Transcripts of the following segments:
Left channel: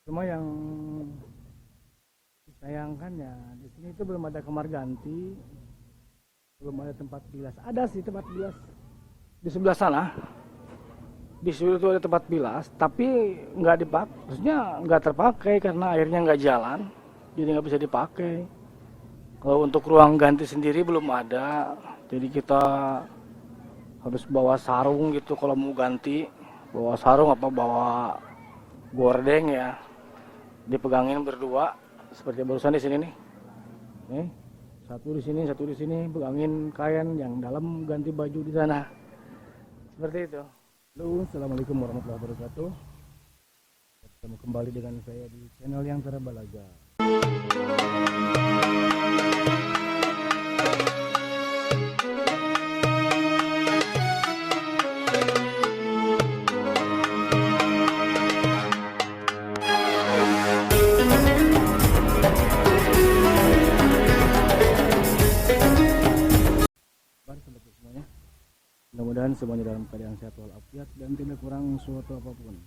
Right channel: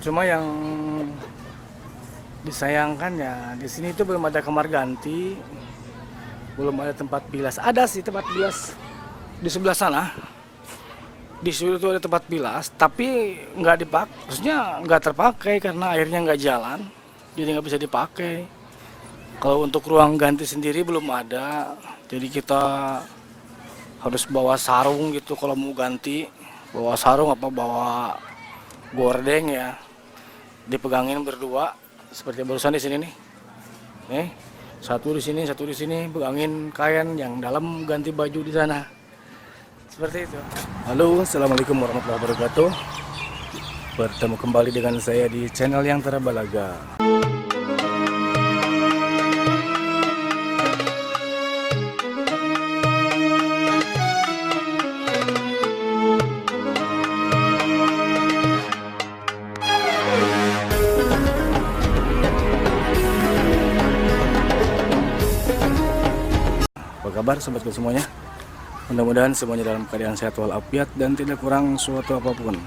Cuma yang disayangkan ya di sini itu belum ada kamar ganti, belum ada tempat bilas. Ada sih tempat bilas di sebelah sana. Di situ ada tempat bilas, tapi nggak dipakai, maksudnya nggak terpakai karena airnya nggak jalan, jadi nggak bisa dipakai. Kalau untuk ruang ganti sendiri belum ada, jadi kita harus bawa sarung gitu kalau mau ganti. Bawa sarung apa bawa gordeng ya, dipegangin berdua seperti barusan di sini nih. Nih, satu di sini, satu di sini, pegangin kain yang dalam ganti baju di sana. Seperti itu. Halo, assalamualaikum warahmatullahi wabarakatuh. Bertemu kembali dengan saya di channel yang terbalaga. Apa kabar sobatku semuanya? Mudah-mudahan semuanya dalam keadaan sehat walafiat dan tidak kurang suatu apapun.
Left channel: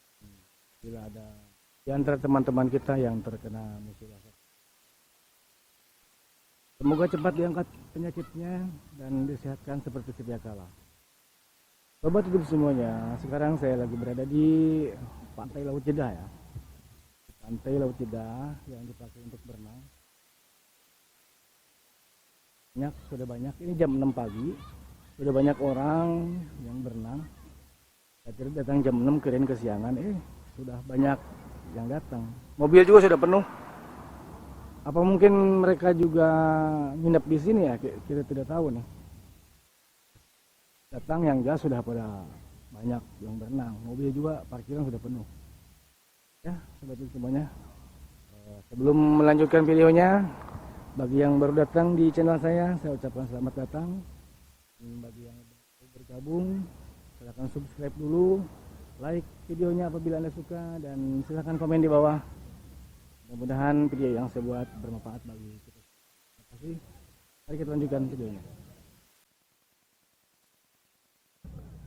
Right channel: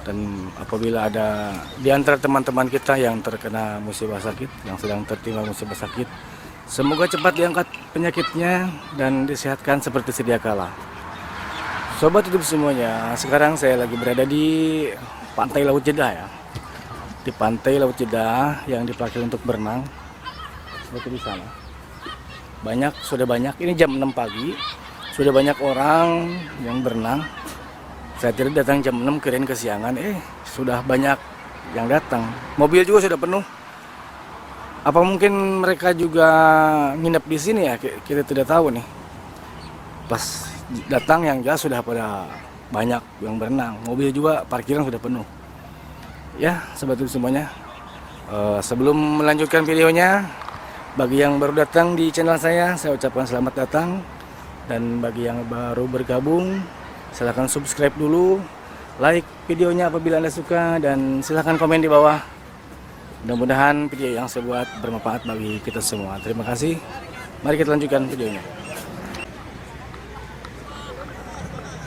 Dan apabila ada di antara teman-teman kita yang terkena musibah sakit, yang sedang tertimpa musibah sakit, semoga cepat diangkat penyakitnya dan disehatkan seperti sedia kala. Sobat hidup semuanya, sekarang saya lagi berada di Pantai Laut Jeddah ya. Di Pantai Laut Jeddah yang dipakai untuk berenang. Seperti di sana. Sudah banyak, ini jam 6 pagi. Sudah banyak orang yang berenang. Saya tadi datang jam 6 kirain kesiangan, sudah banyak yang datang. Mobil juga sudah penuh. Apa mungkin mereka juga nginep di sini ya? Kita tidak tahu nih. Pas datang yang jelas sudah pada banyak yang berenang. Mobil juga parkiran sudah penuh. Ya, sobat itu semuanya. Sebelum melanjutkan videonya, bagi yang baru datang di channel saya ucapkan selamat datang. Dan bagi yang baru bergabung, silahkan subscribe dulu, like videonya apabila Anda suka, dan silahkan komen di bawah. Mudah-mudahan video yang saya buat bermanfaat bagi kita semua. Terima kasih. Mari kita lanjutkan videonya.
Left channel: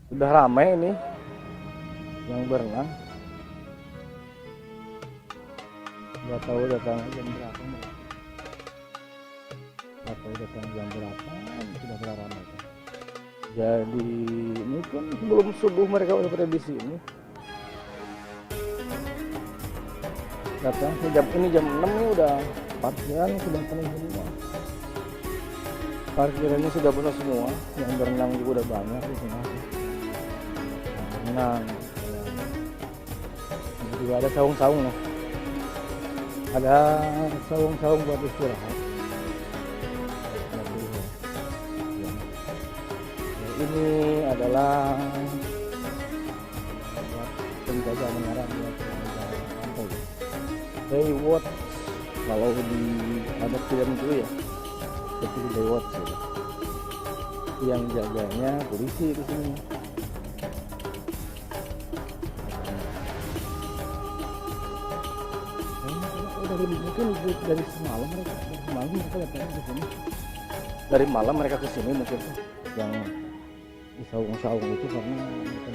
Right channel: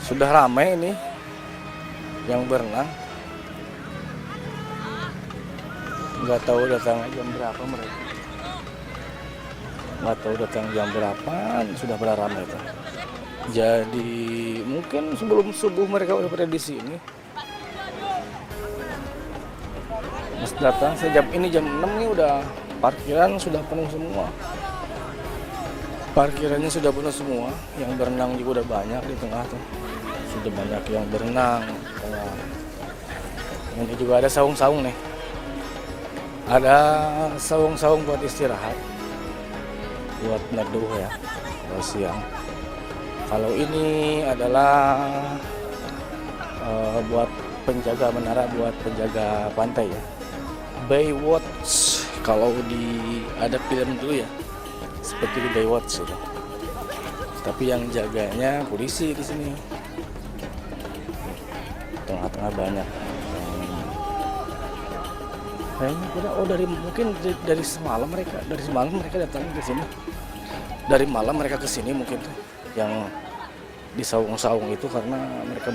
Sudah ramai ini yang berenang. Nggak tahu datang jam berapa mereka. Nggak tahu datang jam berapa, sudah pada ramai itu. Jadi mungkin sebelum subuh mereka udah pada di sini. Pas datang saya jam 6 nih udah parkiran sudah penuh semua. Parkirannya sudah penuh semua, yang berenang juga udah banyak di tengah tuh. Sudah banyak yang berenang. Ini juga ada saung-saung nih. Ada saung-saung buat istirahat. Buat neduh ya, siang. Kalau ini adalah buat penjaga menara, buat penjaga pantai ya. Baywatch kalau ada film dulu ya, seperti di Baywatch gitu. Tapi yang jaganya polisi di sini. Tengah-tengah banyak. Mungkin dari semalam mereka datang ke sini. Dari malam mereka ke sini mungkin tuh yang di saung-saung itu karena mereka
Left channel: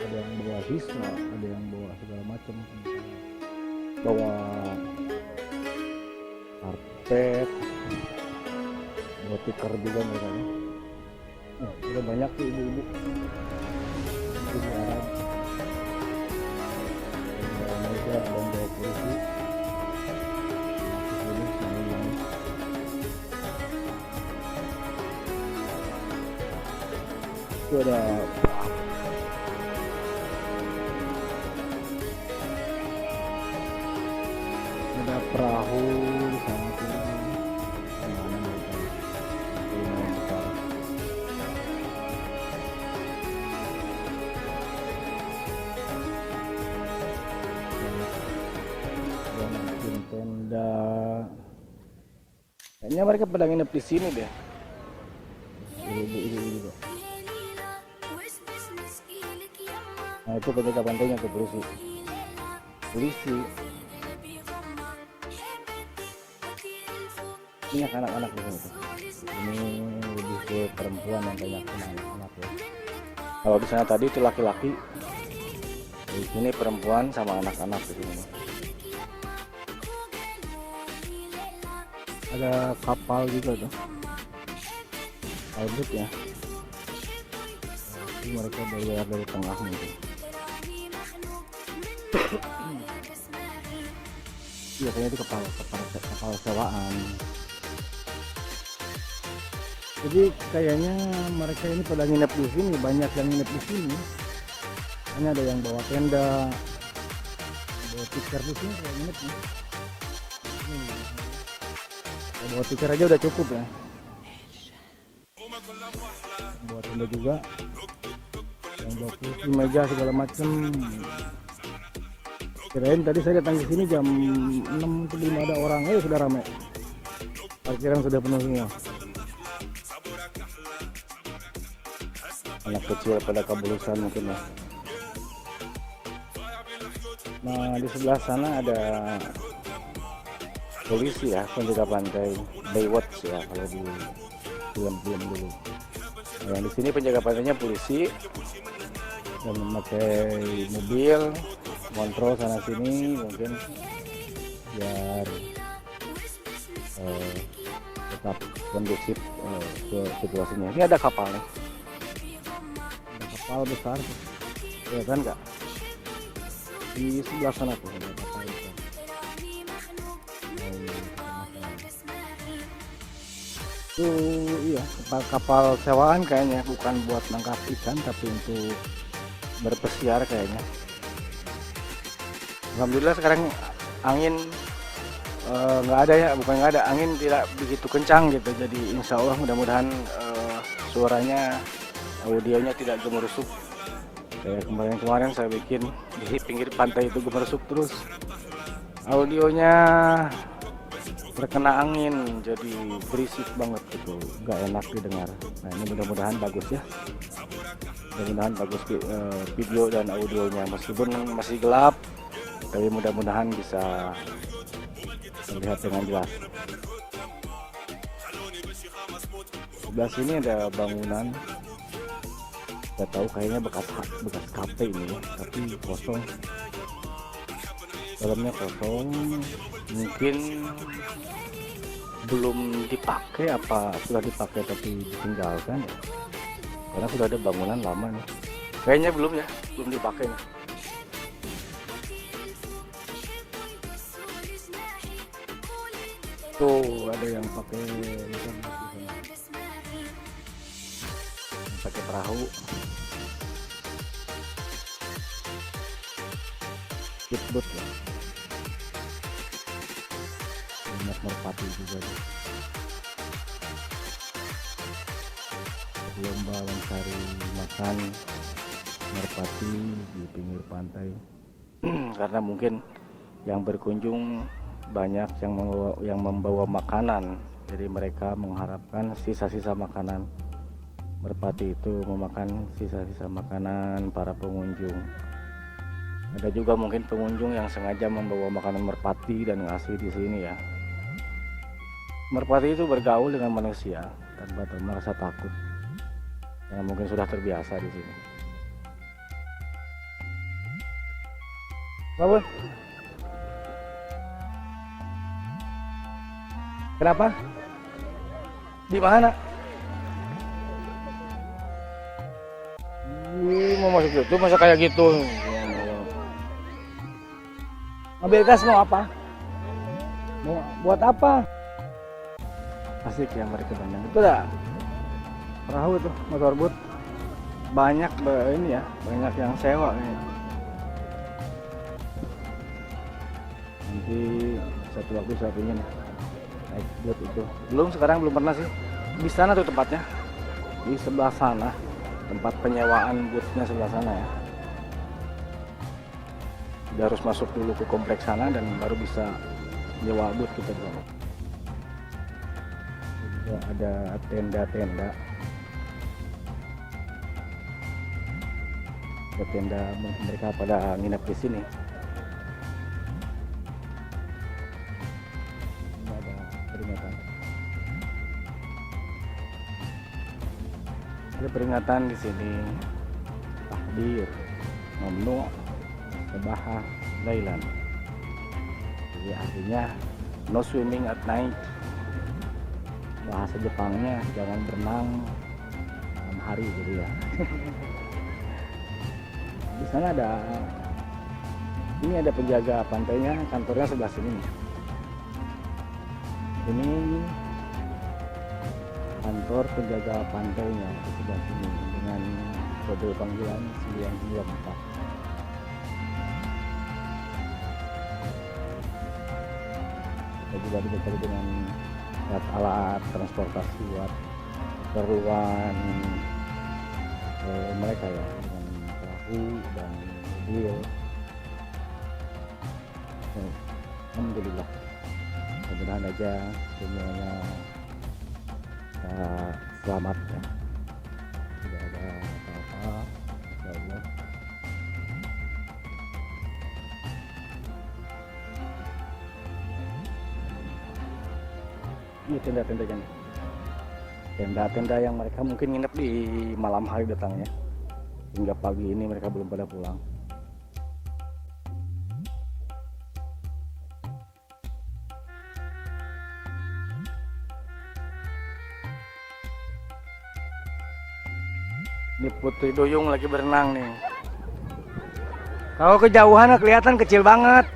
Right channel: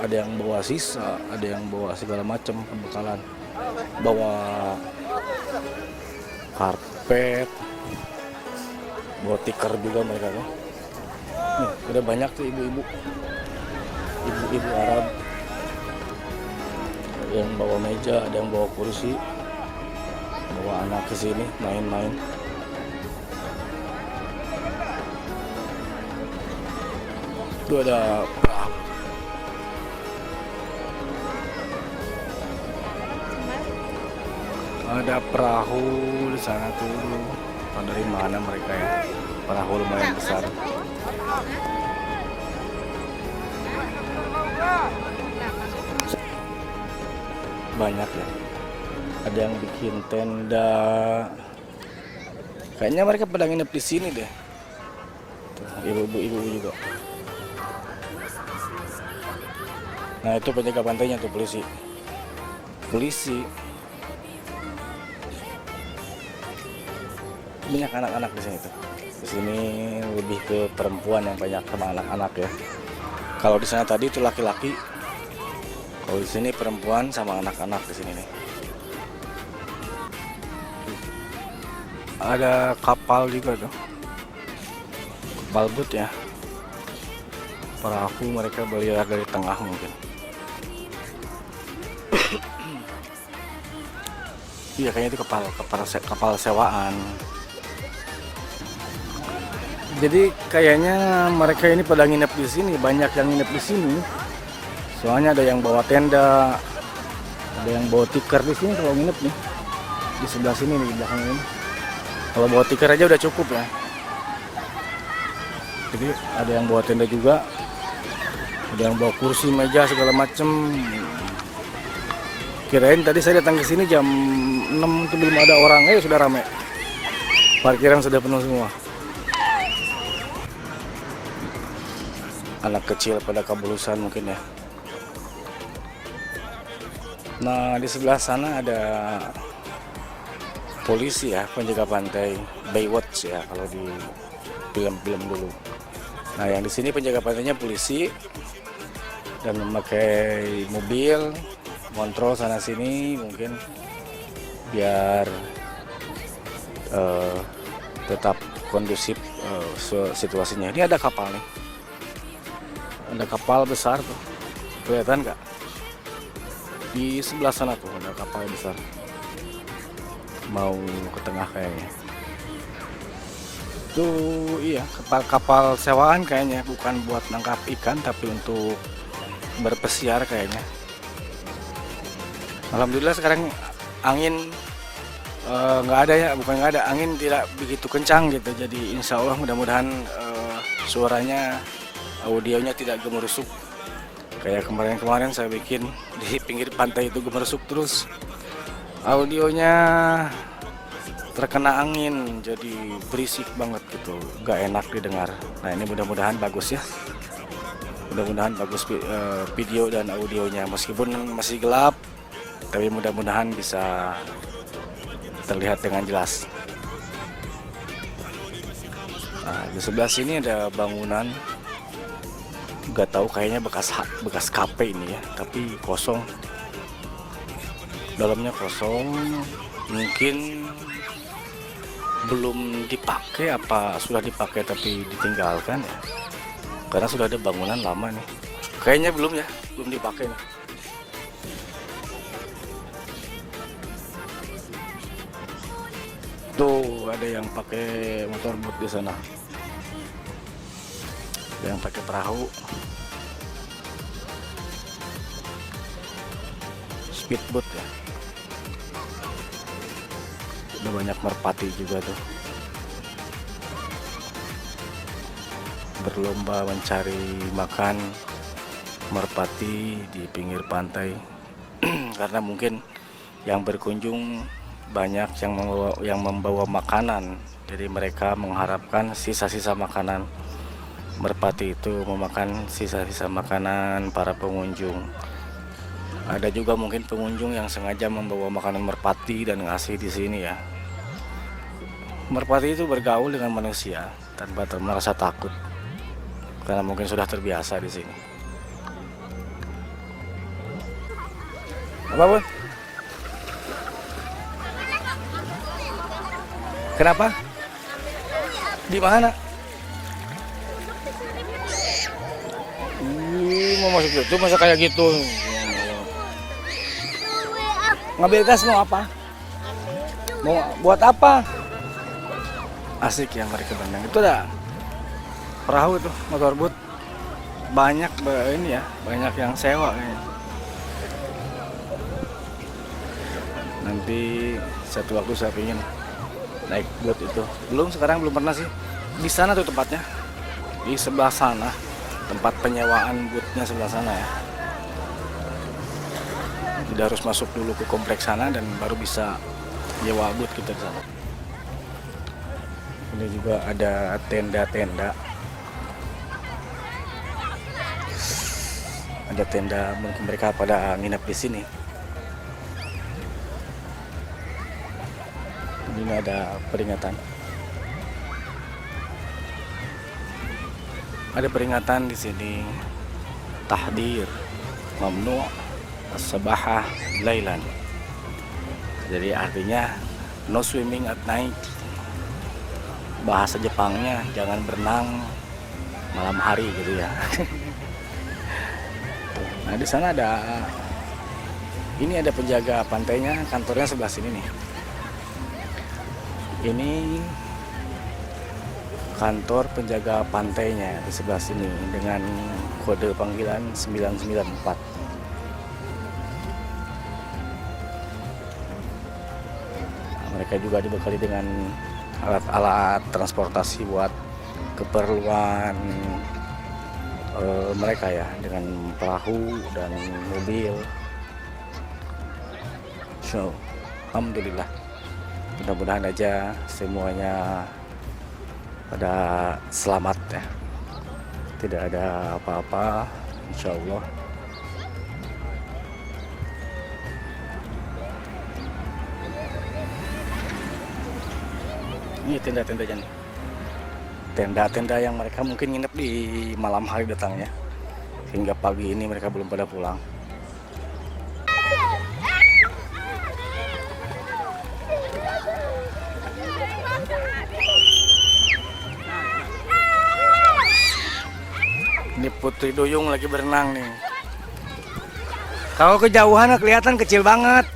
ada yang bawa sisa, ada yang bawa segala macam pembekalan. Bawa karpet, bawa tikar juga mereka tuh. Nih, udah banyak tuh ibu-ibu Arab yang bawa meja, ada yang bawa kursi, bawa anak ke sini main-main. Itu ada perahu di sana tuh. Dari mana mereka ya? Perahu lumayan besar. Banyak ya. Ada yang bikin tenda. Kayaknya mereka pada nginep di sini deh. Tuh, ibu-ibu juga. Nah itu penjaga pantainya tuh polisi. Banyak anak-anak di sini tuh. Di sini lebih ke perempuan yang banyak sama anak-anak ya. Kalau di sana tadi itu laki-laki. Kalau Oh, di sini perempuan sama anak-anak di sini nih. Ada kapal juga tuh. Kapal boat ya. Perahu mereka berlayar dari tengah mungkin. Iya, kayaknya itu kapal sewaan. Jadi kayaknya mereka ini pada nginep di sini, banyak yang nginep di sini. Soalnya ada yang bawa tenda, ada yang bawa tikar di sini kalau nginep nih. Di sebelah sini nih, di belakang ini. Kalau bawa tikar aja udah cukup ya. Jadi ada yang bawa tenda juga, ada yang bawa kursi, meja segala macem. Kirain tadi saya datang ke sini jam 6 atau 5 ada orang, sudah ramai. Parkiran sudah penuh semua. Anak kecil pada kabulusan mungkin ya. Nah, di sebelah sana ada polisi ya, penjaga pantai, Baywatch ya kalau di film-film dulu. Nah, yang di sini penjaga pantainya polisi dan memakai mobil kontrol sana sini mungkin biar tetap kondusif situasinya. Ini ada kapal nih, ada kapal besar tuh, kelihatan nggak? Di sebelah sana tuh ada kapal besar, mau ke tengah kayaknya. Tuh iya, kapal sewaan kayaknya, bukan buat nangkap ikan tapi untuk berpesiar kayaknya. Alhamdulillah sekarang angin nggak ada ya, bukan nggak ada, angin tidak begitu kencang gitu. Jadi insya Allah mudah-mudahan suaranya, audionya tidak gemerusuk. Kayak kemarin-kemarin saya bikin di pinggir pantai itu gemerusuk terus. Audionya terkena angin jadi berisik banget gitu, nggak enak didengar. Nah ini mudah-mudahan bagus ya. Mudah-mudahan bagus video dan audionya, meskipun masih gelap. Tapi mudah-mudahan bisa terlihat dengan jelas. Nah, di sebelah sini ada bangunan, nggak tahu kayaknya bekas kafe ini ya, tapi kosong. Dalamnya kosong, mungkin belum dipakai apa sudah dipakai tapi ditinggalkan ya. Karena sudah ada bangunan lama nih. Kayaknya belum dipakai nih. Tuh ada yang pakai motor boat di sana, ada yang pakai perahu, speedboat ya. Ada banyak merpati juga tuh, berlomba mencari makan merpati di pinggir pantai. Karena mungkin yang berkunjung banyak yang membawa makanan, jadi mereka mengharapkan sisa-sisa makanan. Merpati itu memakan sisa-sisa makanan para pengunjung. Ada juga mungkin pengunjung yang sengaja membawa makanan merpati dan ngasih di sini ya. Merpati itu bergaul dengan manusia tanpa merasa takut, karena mungkin sudah terbiasa di sini. Apa Bun? Kenapa? Di mana? Mau masuk gitu, masa kayak gitu. Ngambil gas mau apa? Mau buat apa? Asik yang mereka berenang. Itu ada perahu itu, motor boat. Banyak ini ya, banyak yang sewa kayaknya. Nanti satu waktu saya ingin naik boat itu. Sekarang belum pernah sih. Di sana tuh tempatnya, di sebelah sana, tempat penyewaan boatnya sebelah sana ya. Kita harus masuk dulu ke kompleks sana dan baru bisa nyewa boat kita di sana. Ini juga ada tenda-tenda. Ada tenda, mungkin mereka pada nginep di sini. Ini ada peringatan. Ada peringatan di sini. Tahdir, mamnu, Sabahah lailan. Jadi artinya no swimming at night. Bahasa Jepangnya jangan berenang malam hari gitu ya. Nah, di sana ada penjaga pantainya, kantornya sebelah sini nih. Ini kantor penjaga pantainya di sebelah sini dengan kode panggilan 994. Mereka juga dibekali dengan alat-alat transportasi buat keperluan mereka ya, dengan perahu dan mobil. So, alhamdulillah, mudah-mudahan aja semuanya pada selamat ya, tidak ada apa-apa, insya Allah. Ini tenda-tendanya nih, tenda-tenda yang mereka mungkin nginep di malam hari datangnya, hingga pagi ini mereka belum pada pulang. Ini Putri Duyung lagi berenang nih. Kalau kejauhan kelihatan kecil banget,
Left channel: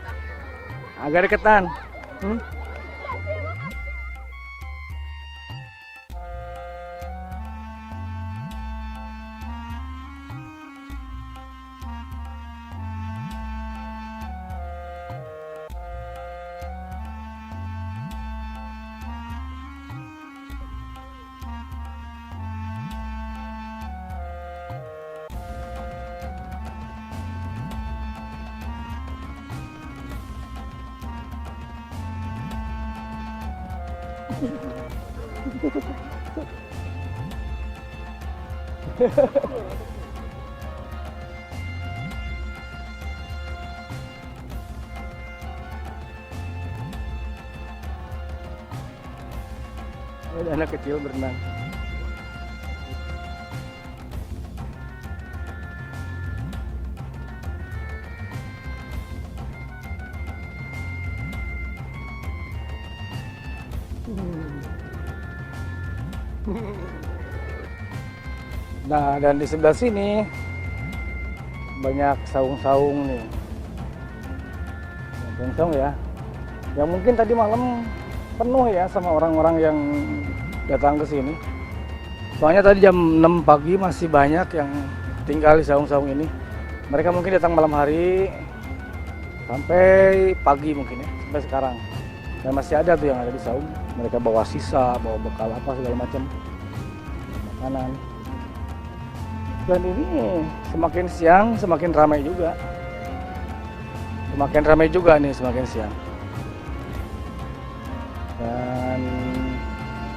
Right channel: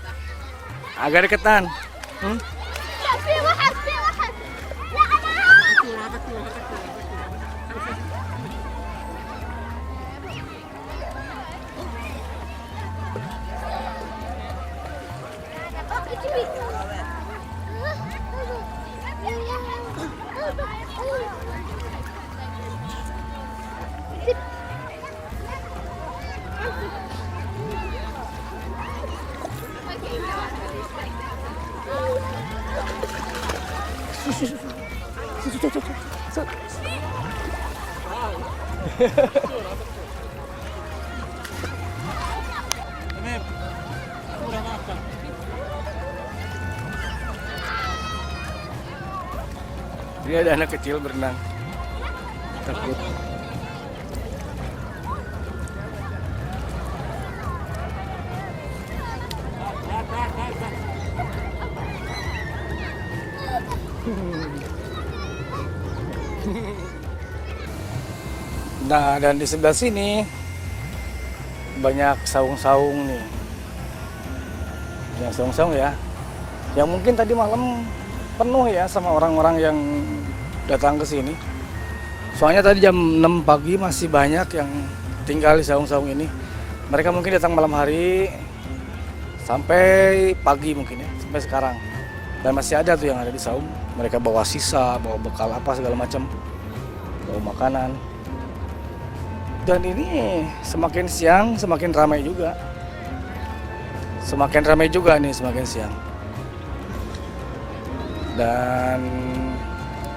agak deketan. Ini ada anak kecil berenang, takut. Nah, dan di sebelah sini banyak saung-saung nih. Yang saung-saung ya, yang mungkin tadi malam penuh ya sama orang-orang yang datang ke sini. Soalnya tadi jam 6 pagi masih banyak yang tinggal di saung-saung ini. Mereka mungkin datang malam hari sampai pagi mungkin ya, sampai sekarang. Dan masih ada tuh yang ada di saung. Mereka bawa sisa, bawa bekal apa segala macam, bawa makanan. Dan ini semakin siang semakin ramai juga. Semakin ramai juga nih semakin siang. Dan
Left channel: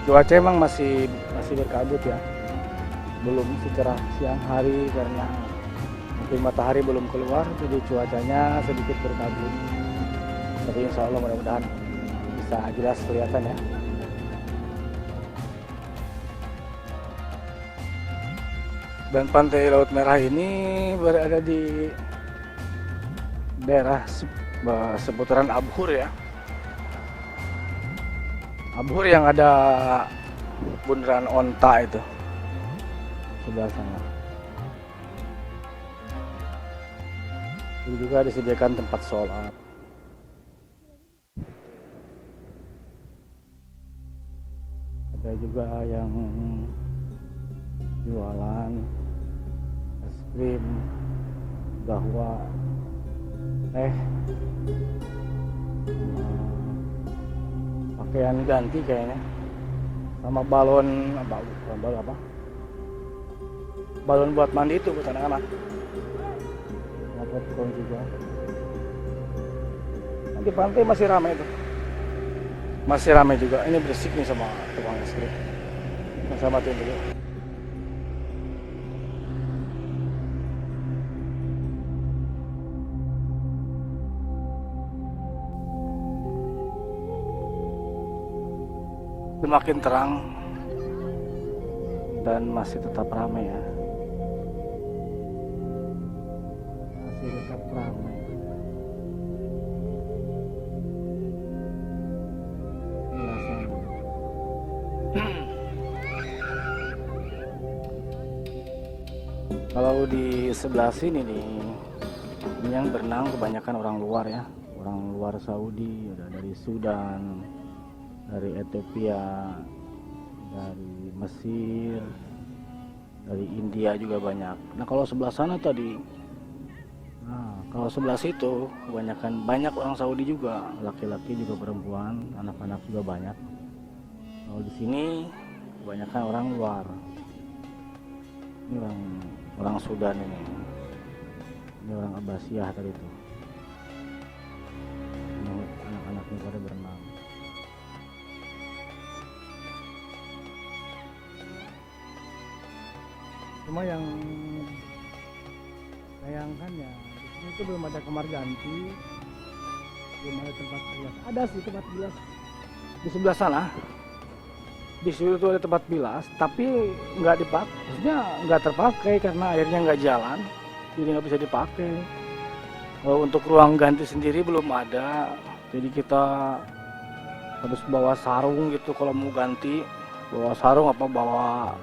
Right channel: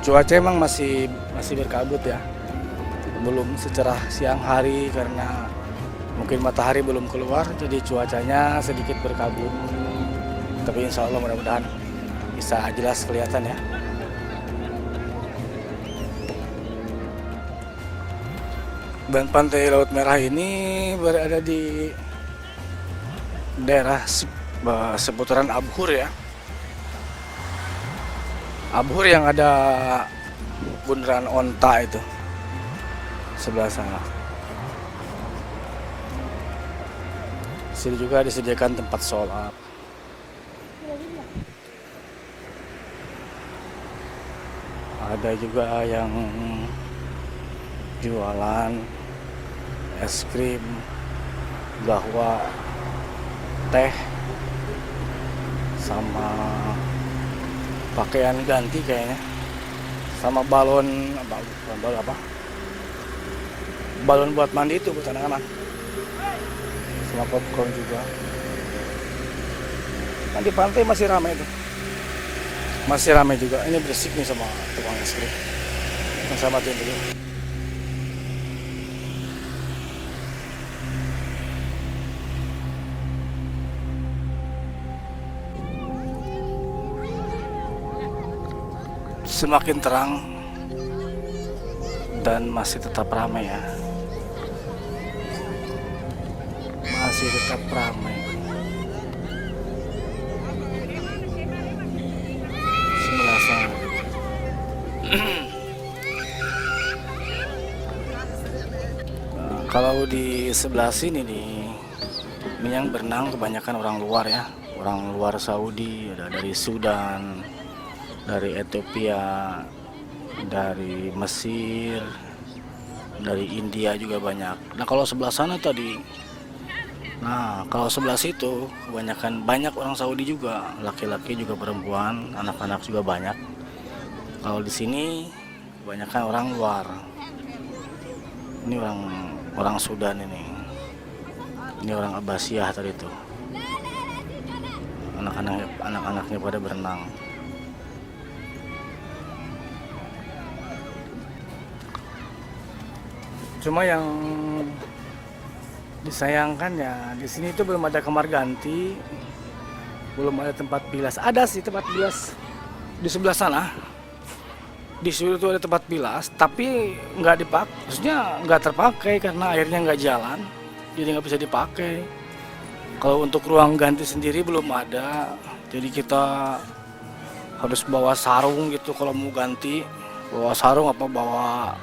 cuaca emang masih berkabut ya. Belum secerah siang hari karena mungkin matahari belum keluar, jadi cuacanya sedikit berkabut. Tapi insya Allah mudah-mudahan bisa jelas kelihatan ya. Dan pantai Laut Merah ini berada di daerah seputaran Abhur ya. Abhur yang ada bundaran onta itu sebelah sana. Sini juga disediakan tempat sholat. Ada juga yang jualan es krim, gahwa, teh, sama pakaian ganti kayaknya, sama balon apa? Balon buat mandi itu buat anak-anak, sama popcorn juga. Nah, di pantai masih ramai itu, masih ramai juga. Ini berisik nih sama tukang es krim. Saya matiin dulu. Semakin terang dan masih tetap ramai ya. masih tetap ramai. Sebelah sana. Kalau di sebelah sini nih, ini yang berenang kebanyakan orang luar ya, orang luar Saudi, ada dari Sudan, dari Ethiopia, dari Mesir, dari India juga banyak. Nah kalau sebelah sana tadi, nah kalau sebelah situ kebanyakan banyak orang Saudi juga, laki-laki juga perempuan, anak-anak juga banyak. Kalau di sini kebanyakan orang luar. Ini orang Sudan ini. Ini orang Abbasiyah tadi tuh. Anak-anaknya pada berenang. Cuma yang disayangkan ya di sini itu belum ada kamar ganti, belum ada tempat bilas. Ada sih tempat bilas di sebelah sana. Di situ tuh ada tempat bilas, tapi nggak dipakai. Maksudnya nggak terpakai karena airnya nggak jalan, jadi nggak bisa dipakai. Kalau untuk ruang ganti sendiri belum ada, jadi kita harus bawa sarung gitu kalau mau ganti. Bawa sarung apa bawa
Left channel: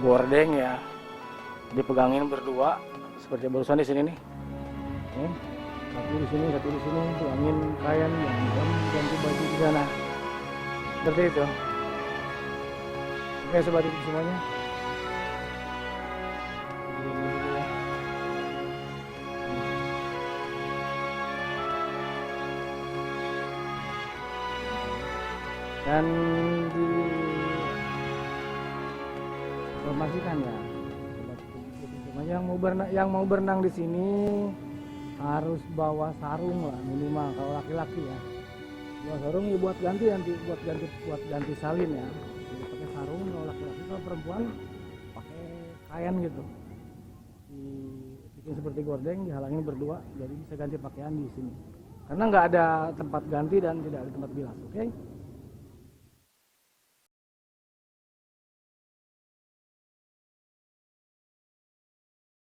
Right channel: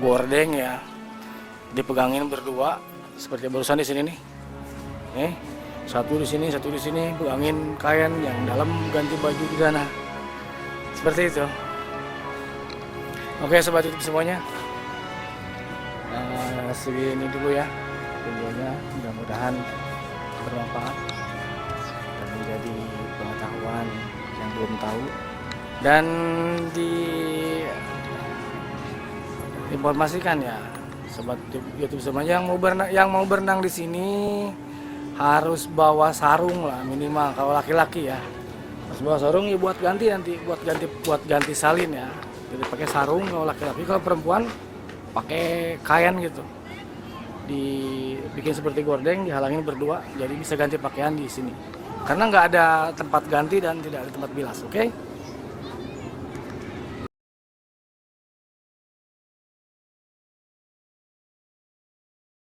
gordeng ya, dipegangin berdua seperti barusan di sini nih. Satu di sini, pegangin kain yang dalam ganti baju di sana. Seperti itu. Oke sobat YouTube semuanya, segini dulu ya videonya, mudah-mudahan bermanfaat dan menjadi pengetahuan yang belum tahu. Dan diinformasikan ya sobat YouTube semuanya, yang mau berenang di sini harus bawa sarung lah minimal kalau laki-laki ya. Harus bawa sarung ya buat ganti nanti, buat ganti salin ya. Jadi pakai sarung kalau laki-laki, kalau perempuan pakai kain gitu. Dibikin seperti gordeng, dihalangin berdua, jadi bisa ganti pakaian di sini. Karena nggak ada tempat ganti dan tidak ada tempat bilas, oke?